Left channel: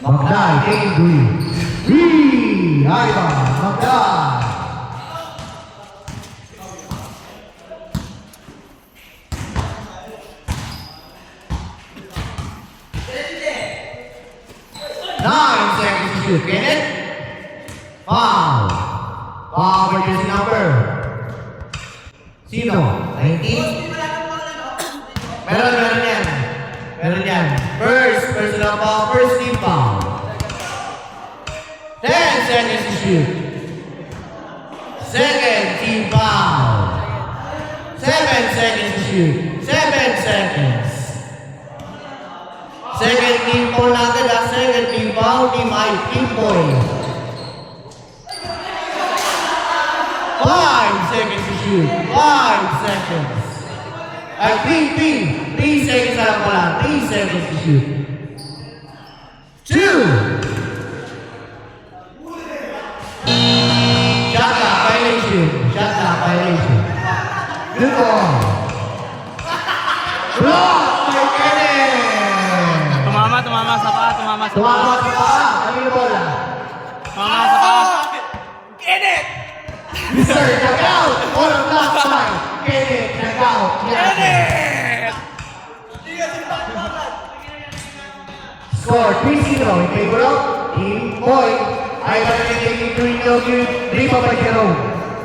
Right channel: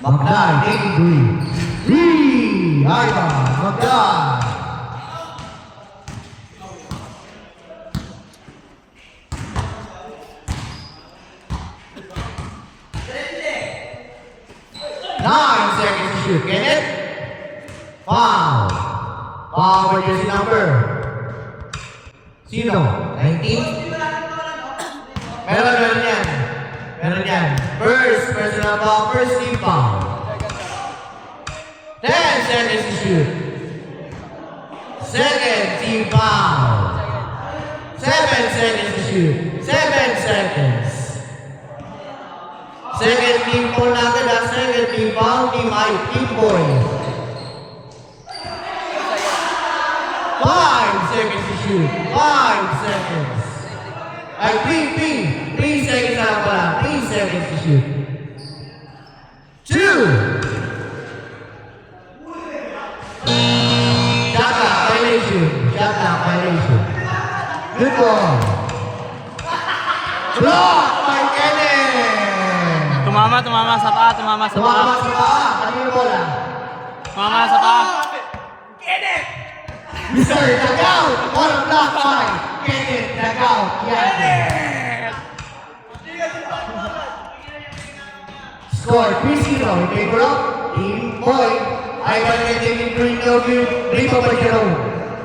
Magdal, taking three. Three! Ivan, Magdal. Nine seconds to shoot. Kenneth. Foul. Foul by this number. Sino? 19? Meron yan. Meron yan. First, personal foul. First team foul. 10 seconds to shoot. Second team foul. 7 seconds to shoot. 7 seconds. Second team foul natin ha. Second team foul. Team I. Team boy. 5 seconds to shoot. 5 seconds. Ay, 3 seconds na lang pala. 3 seconds to shoot. 2. Shot clock violation. Shot clock violation. Good ball. Block by Kenneth. Tumama sa paa, tumama sa paa. Tumama sa paa. Ano yung bola? Tumama sa paa. Kenneth! Mr. Nag-out. Or block by Kenneth. Nag-out. Kenneth! Score 3-0 in favor of Team Boy. Ivan taking 3, no good. Rebound by Jerome.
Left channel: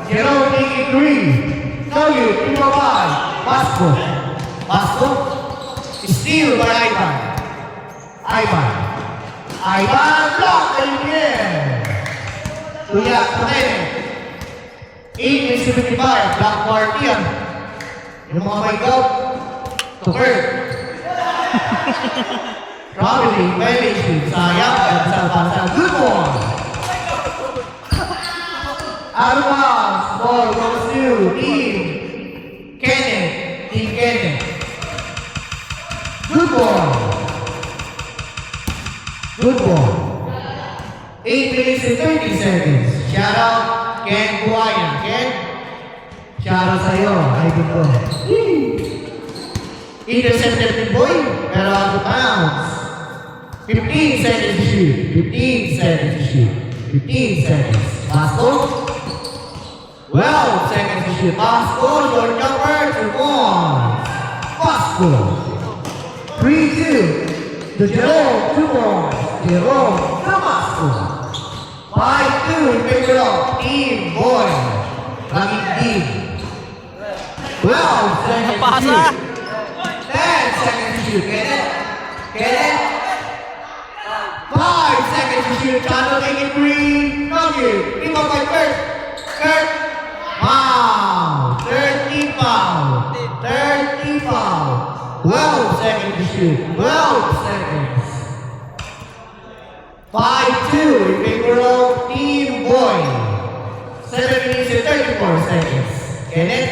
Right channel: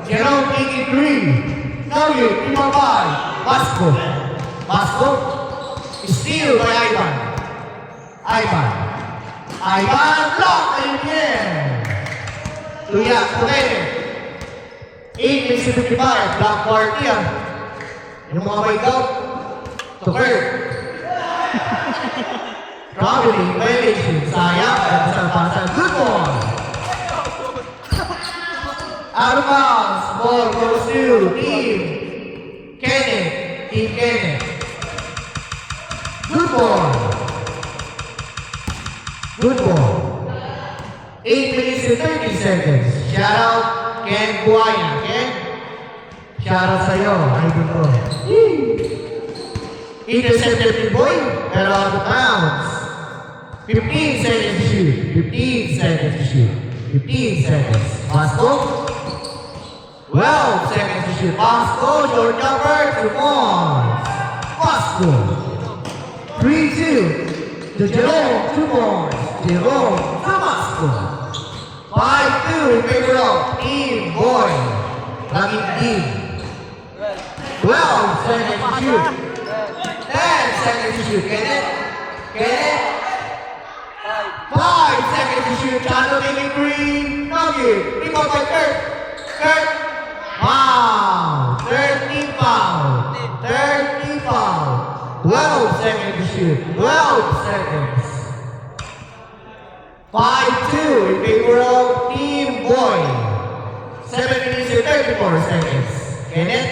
Jerome taking 3. No good. 3-5. Basco. Basco. Steal by Ivan. Ivan. Ivan block again. Tuya. Tuya. 8:55. Block party yan. Yung mga may God. To Kurt. Traveling violation. Sayang. Kalsang-kalsang. Good ball. Out of bounds. Ball goes to Team Kenneth. Team Kenneth. Good ball. Good ball. 8 minutes and 30 seconds. Shout out Ken Buaya. Ken, shout out sa'yo. Ay, dito. Intercepted ni Boy, pero out of bounds. 15 seconds to shoot. 15 seconds to shoot. 15 seconds. Pasco. 12 seconds to shoot. Pasco, short jumper, 2 points. Pasco. 3-2. To Jerome, 2 points. Jerome, to Pasco. 5-2 in favor of Team Boy. Running team. 12 seconds to shoot. 10 seconds to shoot. Kenneth. Kenneth. 5 seconds to shoot. Chano taking 3. No good. Rebound by Kurt. Kurt. Foul. 30 foul. 30 foul. 12 seconds to shoot. 12 seconds. 5-2 in favor of Team Boy. 7 minutes and 34 seconds. Kenneth.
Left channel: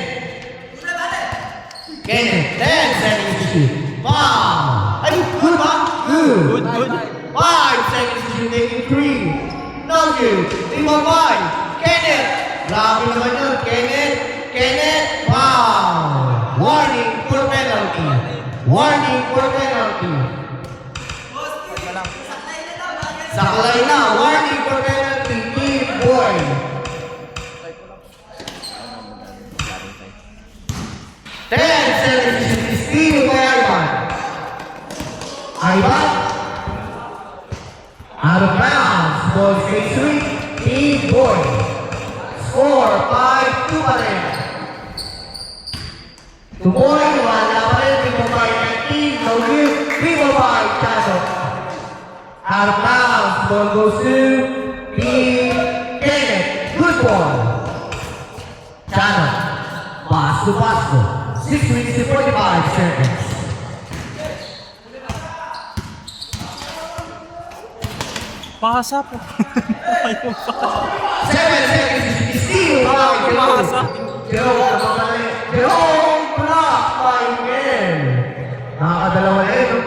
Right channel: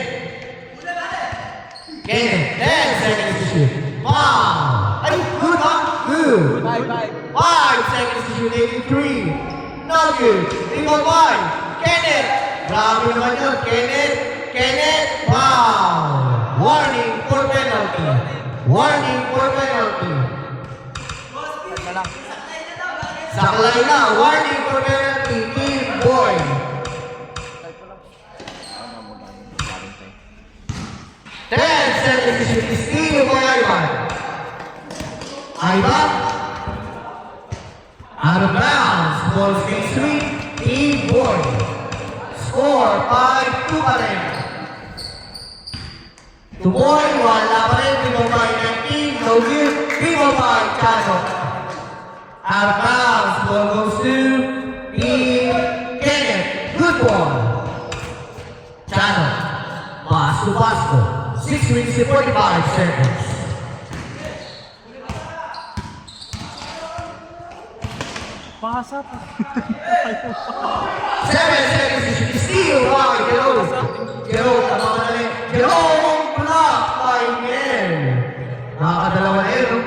Kenneth. 10 seconds to shoot. Foul. Ay, good ba? Good. 5 seconds to shoot. Taking 3. No good. 3-5. Kenneth. Grabe naman yun. Kenneth. Kenneth. Foul. Warning for penalty. Warning for penalty. Saklay na. Warning for penalty. Team Boy. 10 seconds to shoot. Steal by Ivan. Ivan. Out of bounds. Ball straight sweep. Team Boy. Score 5-2 pa rin. 2 point. 1 na pa rin. 3-5. 19. No good. 3-5. Chano. Out of bounds. Ball goes to Team Kenneth. Good ball. Chano. Pass to Pasco. 6 minutes and 45 seconds. Pasa po. 7 seconds to steal by Jerome. Jerome block by Ken. Nakakadalawa na yun, no?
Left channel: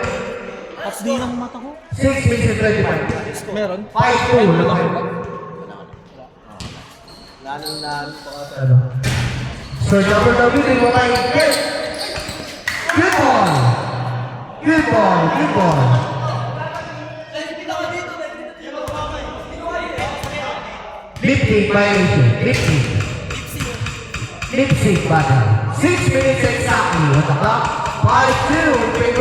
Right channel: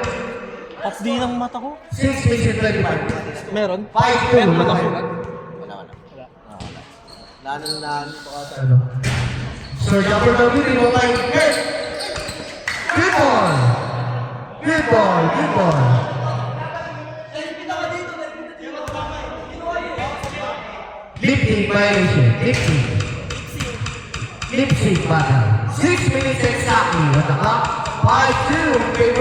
Off din ang mata ko. 6 minutes and 35. Meron. 5-2. Ano? So, WWE mo kay Ken. Good ball. Good ball. Good ball. Lip sync violation. Lip sync. Lip sync battle. 6 minutes exactly. At the clock. 5-2 in favor.